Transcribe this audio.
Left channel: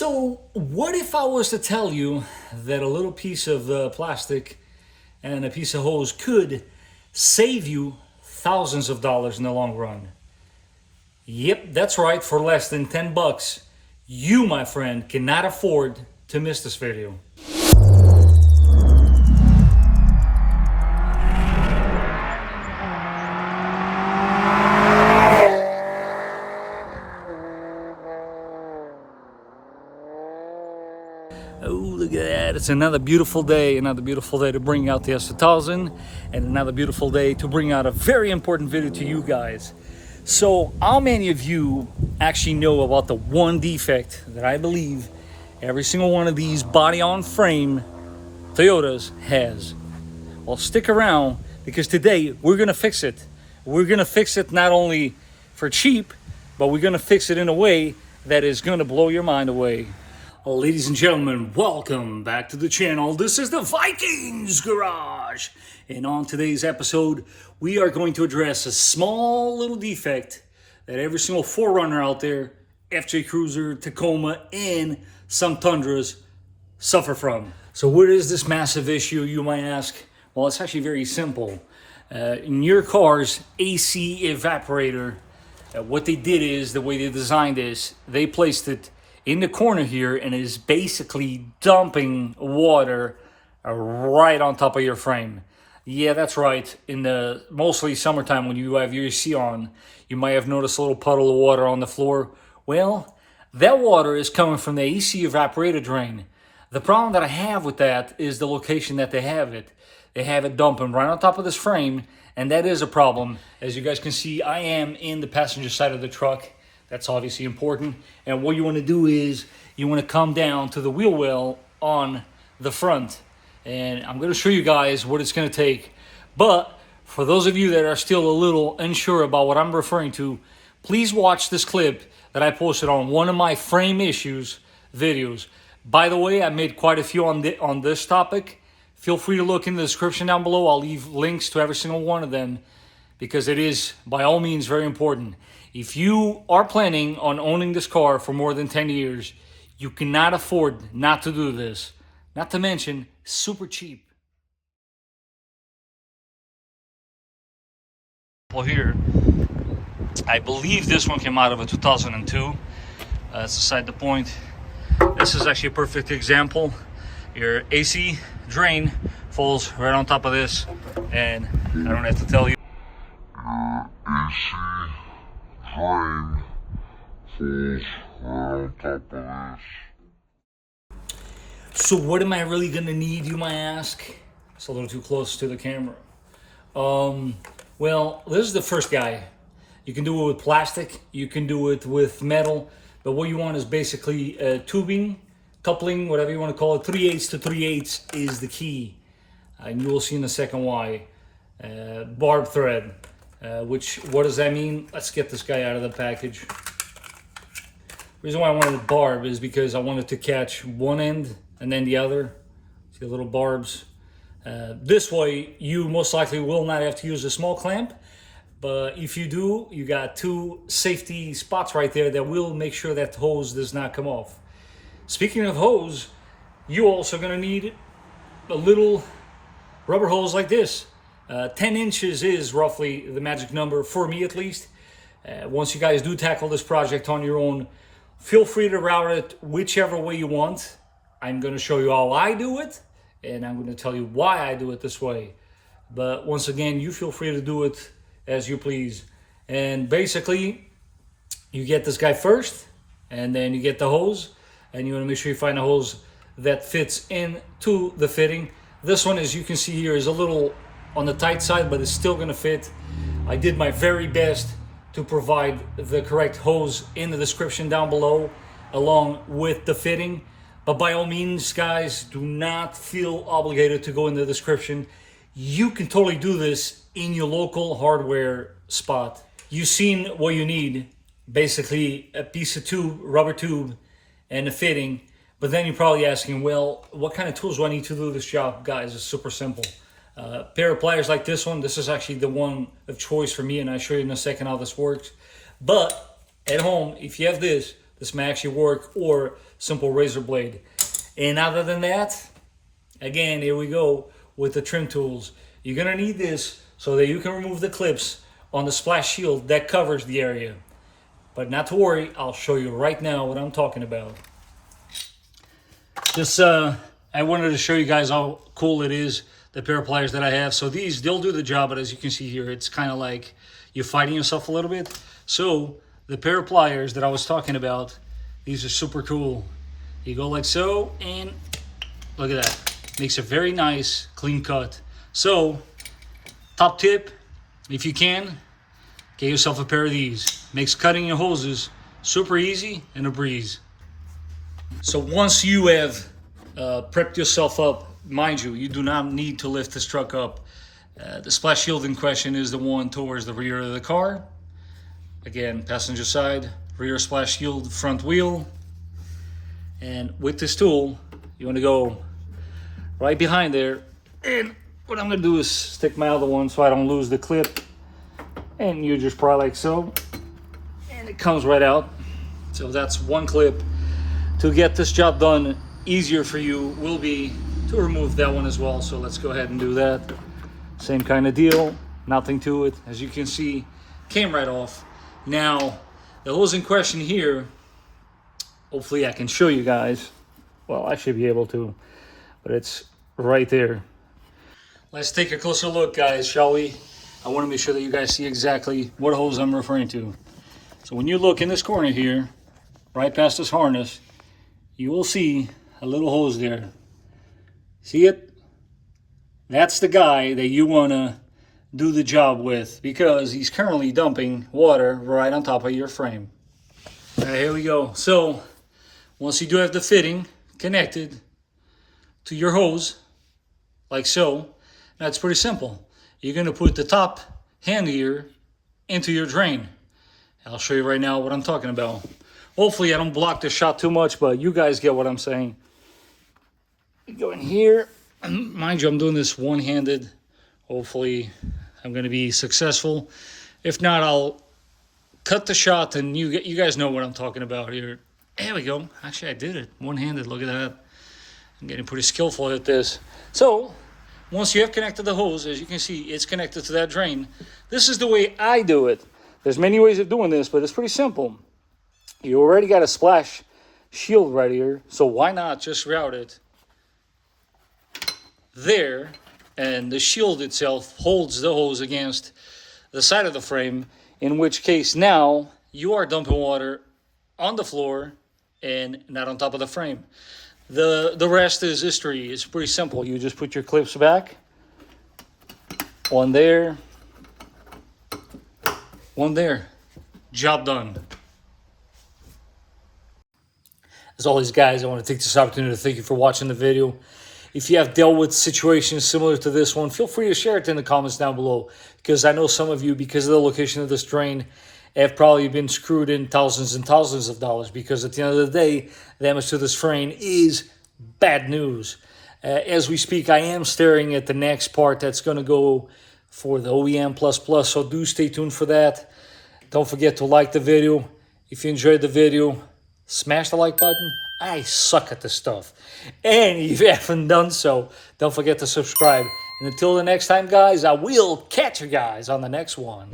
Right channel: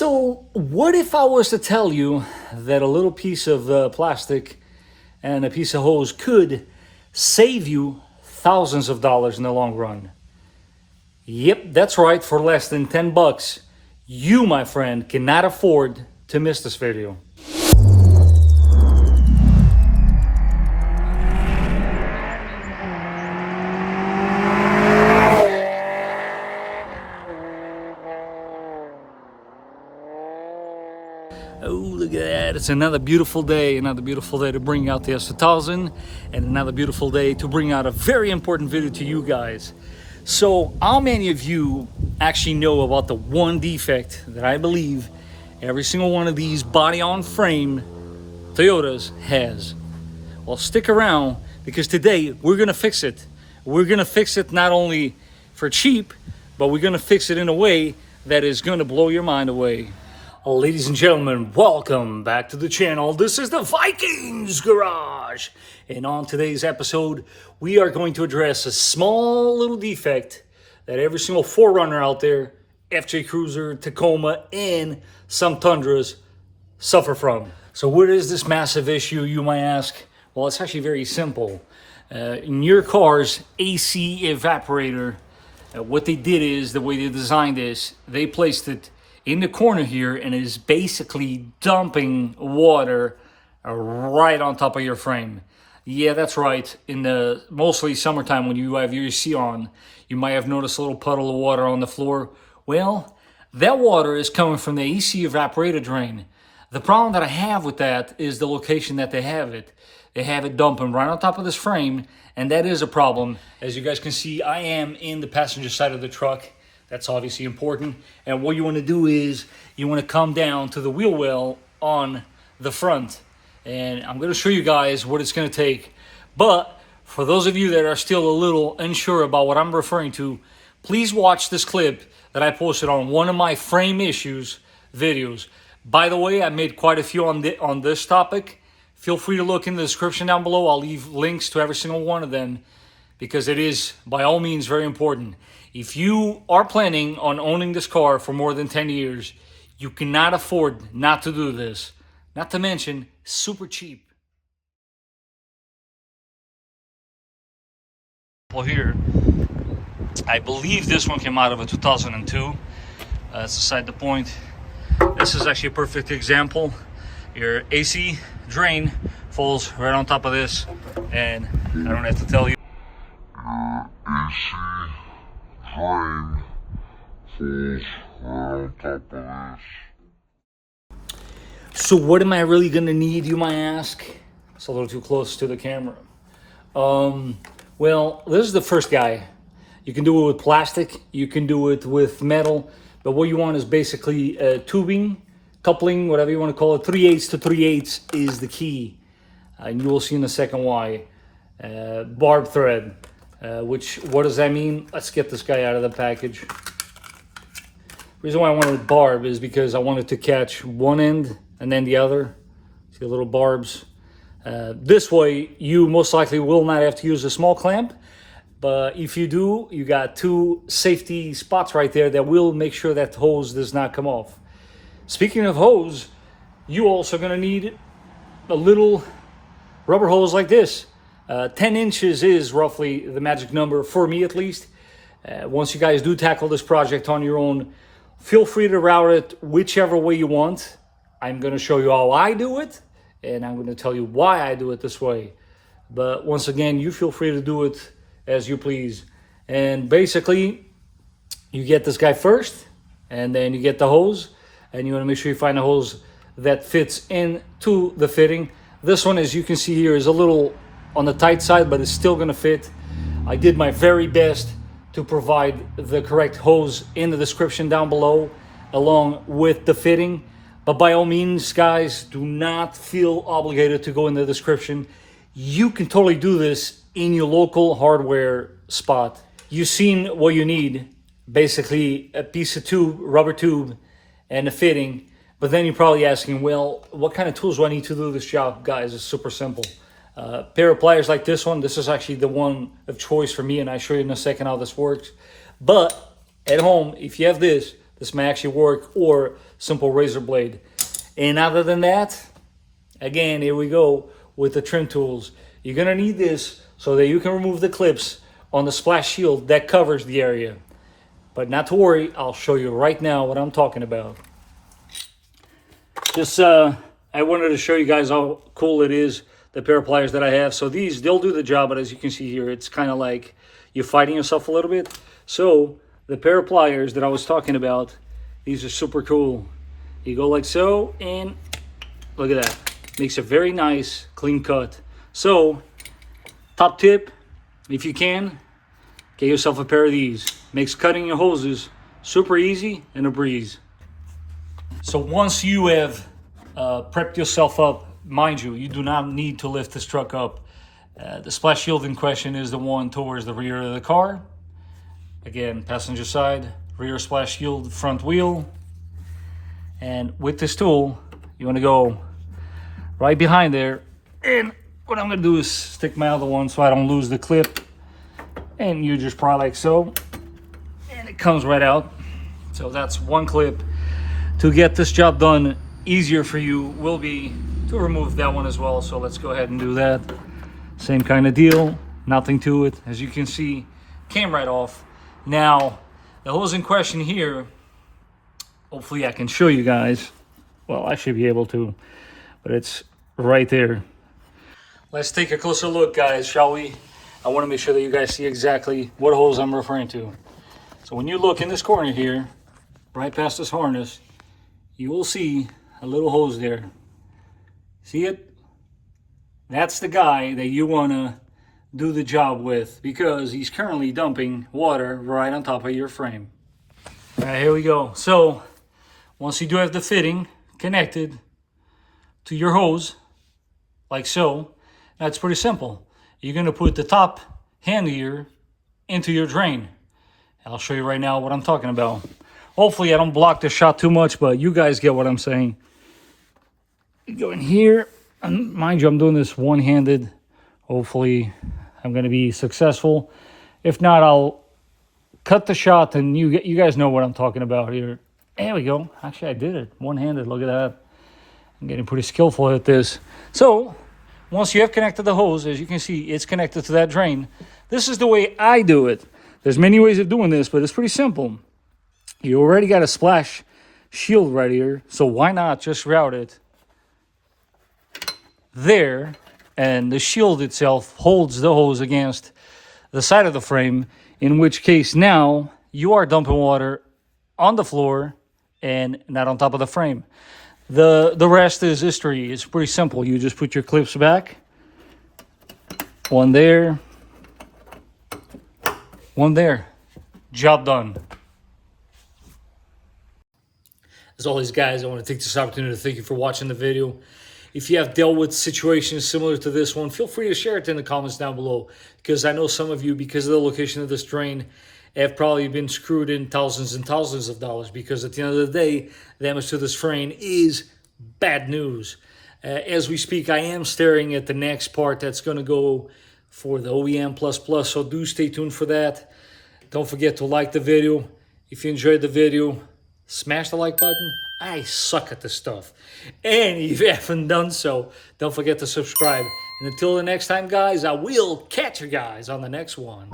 So what if I was to tell you that a little piece of plastic and a piece of hose could save you thousands of dollars in the long run? Yep, that's right. For less than 10 bucks, you, my friend, cannot afford to miss this video. Oh, look at that. It's another beautiful day to bring out the S2000, and another beautiful day to bring out a very important video to you guys. So how many of you actually know about the one defect that I believe every single one of these body-on-frame Toyotas has? Well, stick around, because today we're gonna fix it. We're gonna fix it not only for cheap, but we're gonna fix it in a way that is gonna blow your mind away. Oh, ladies and gentlemen, welcome back to the channel. This is the Vikings Garage. And on today's episode, we are going to address a small little defect that every single 4runner out there, FJ Cruiser, Tacoma, and some Tundras suffer from. So what is this massive issue, you might ask? Well, it's actually very simple. In your car's AC evaporator, what they did is, the way they designed this, they placed it in the corner here and is basically dumping water right on top of your frame. Yeah, that's right. In the mostly summertime, when you have your AC on, you might have noticed a little puddle of water on the floor. Well, that water is coming from the AC evaporator drain. The problem that I have with that is the location that they have it. They have it dumping right on top of this frame, and that is a problem. As you guys can see, I am in the passenger side of the truck. That's obviously important. And what you want to do is you want to come down to the wheel well on the front. And I'm going to show you guys what it's going to take. But for those of you that are still a little unsure about what I'm referring to, please watch this clip that I posted on one of my frame issues videos. By the way, I made quite a few on this topic. Feel free to look in the description down below. I'll leave links to every single one of them, because it is by all means very important. If you are planning on owning this car for more than 10 years, you cannot afford not to do this. Not to mention, super cheap. Well, here, I believe this one came out of a 2002. That's beside the point. This is actually a perfect example. Your AC drain falls right on top of this, and I don't have to tell you. AC drain falls right on top of this. So what am I really gonna need, you might ask? It's a little too close to the camera. Well, this is the first guy. You can do it with plastic, you can do it with metal, but what you want is basically tubing, coupling, whatever you want to call it. 3/8 to 3/8 is the key, and you will see in a second why. Barb thread, what does that mean? Let's get this guy out of the package. The reason why I wanted barb is because I wanted to catch one end and then the other. See the little barbs? This way, you most likely will not have to use a small clamp, but if you do, you got two safety spots right there that will make sure that hose does not come off. Speaking of hose, you also gonna need a little rubber hose like this. 10 inches is roughly the magic number, for me at least. Once you guys do tackle this project on your own, feel free to route it whichever way you want. I'm going to show you how I do it, and I'm going to tell you why I do it this way. But once again, you feel free to do it as you please. And basically, you get this guy first, and then you get the hose, and you want to make sure you find a hose that fits into the fitting. This one, as you can see here, is a little on the tight side, but it's still going to fit. I did my very best to provide the correct hose in the description down below, along with the fitting. But by all means, guys, do not feel obligated to go in the description. You can totally do this in your local hardware spot. You've seen what you need. Basically, a piece of tube, rubber tube, and a fitting. But then you're probably asking, well, what kind of tools do I need to do this job? Guys, it's super simple. Pair of pliers like this one. This is actually the one of choice for me, and I'll show you in a second how this works. But at home, if you have this This may actually work, or simple razor blade. And other than that, again, here we go with the trim tools. You're gonna need this so that you can remove the clips on the splash shield that covers the area. But not to worry, I'll show you right now what I'm talking about. Just, I wanted to show you guys how cool it is, the pair of pliers that I have. So these, they'll do the job, but as you can see here, it's kind of like you're fighting yourself a little bit. So the pair of pliers that I was talking about, these are super cool. You go like so, and look at that. Makes a very nice, clean cut. So, top tip, if you can, get yourself a pair of these. Makes cutting your hoses super easy and a breeze. So once you have prepped yourself up, mind you, you do not need to lift this truck up. The splash shield in question is the one towards the rear of the car. Again, passenger side, rear splash shield, front wheel. And with this tool, you want to go right behind there. And what I'm going to do is stick my other one so I don't lose the clip. And you just pry like so. And it comes right out. So that's one clip. To get this job done easier for you will be to remove that one as well. So let's go ahead and do that. Same kind of deal. Nothing to it. As you can see, came right off. Now, the hose in question here, hopefully I can show you guys. Well, I should be able to, but it's right there. Let's take a closer look, guys, shall we? I want to make sure that you guys see exactly what hose I'm referring to. So when you look in this corner here, right past this harness, you will see a little hose there. See it? That's the guy that you want to do the job with, because he's currently dumping water right on top of your frame. All right, here we go. So once you do have the fitting connected to your hose, like so, that's pretty simple. You're going to put the top hand here into your drain. I'll show you right now what I'm talking about. Hopefully I don't block the shot too much, but you guys get what I'm saying. You go in here. Mind you, I'm doing this one-handed. Hopefully I'm going to be successful. If not, I'll cut the shot, and you guys know what I'm talking about here. There we go. Actually, I did it one-handed. Look at that. I'm getting pretty skillful at this. So once you have connected the hose, as you can see, it's connected to that drain. This is the way I do it. There's many ways of doing this, but it's pretty simple. You already got a splash shield right here, so why not just route it there, and the shield itself holds the hose against the side of the frame, in which case now you are dumping water on the floor and not on top of the frame. The rest is history. It's pretty simple. You just put your clips back, one there, one there. Job done. As always, guys, I want to take this opportunity to thank you for watching the video. If you have dealt with situations similar to this one, feel free to share it in the comments down below, because I know some of you, because of the location of this drain, have probably been screwed in thousands and thousands of dollars, because at the end of the day, damage to this frame is bad news. As we speak, I am staring at the next part that's going to go for the OEM++, so do stay tuned for that. Don't forget to like the video. If you enjoyed the video, smash the like button. I suck at this stuff. And if you haven't done so, don't forget to subscribe. And until the next time, guys, I will catch you guys on the next one.